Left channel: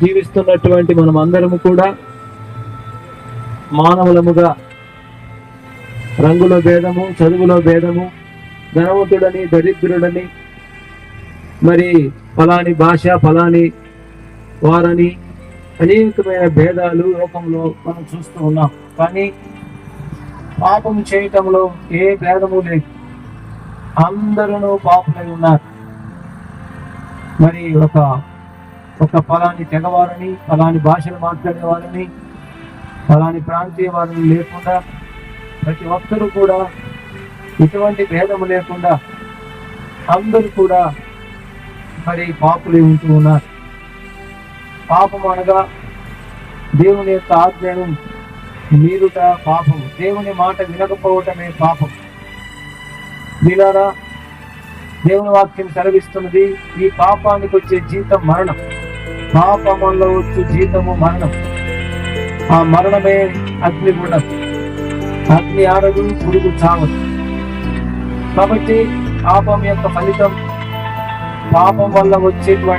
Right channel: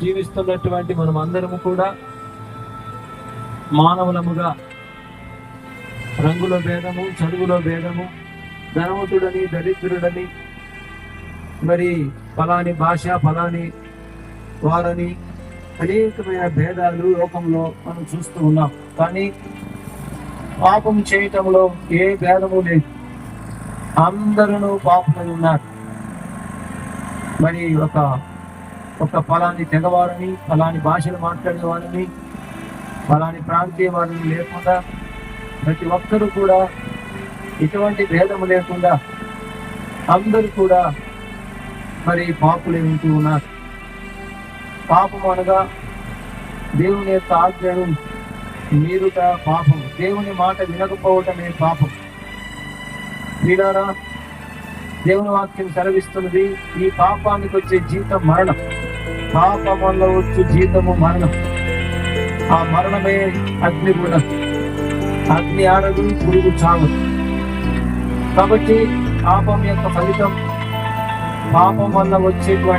జీవిస్తున్నటువంటి మనం అందరము కూడా మానవులముగా రంగులో భేదము, చదువులో భేదము, ధనవంతుడని దరిద్రుడని, మరి ఫలాని భాష ఫలాని వారని అనేకమైన భేదాలు లోకంలో మనం చూస్తూ ఉన్నాం. కానీ పాపం చేయటంలో ఏ భేదము లేదు, అందరూ పాపమై ఉన్నారు. మరి ఒక ఫలాని తెగవారని, ఫలాని భాషను మాట్లాడే వారిని, ఫలాని ప్రాంతీయ వారిని లేకుండా ప్రతి ఒక్కరూ కూడా ఎటువంటి భేదము లేకుండా అందరూ కూడా మరి పాపులు ఉంటూ ఉన్నారు. పాపం అనగా దేవుని యొక్క ఆజ్ఞను మీరుట పాపం, దేవుని మాట వినకపోవటమే పాపం. మీరారా, దేవుని వాక్యం సెలవిస్తున్నది, ఈ పాపానికి వచ్చే జీతం మరణం, పాపంలో వచ్చే జీతము మరణం. ఆ మరణమే అగ్ని గుణం, అగ్ని ఆడదు, పురుగు చావదు. కాబట్టి పాపం యొక్క ఫలితం, పాపం వల్ల వచ్చేటువంటి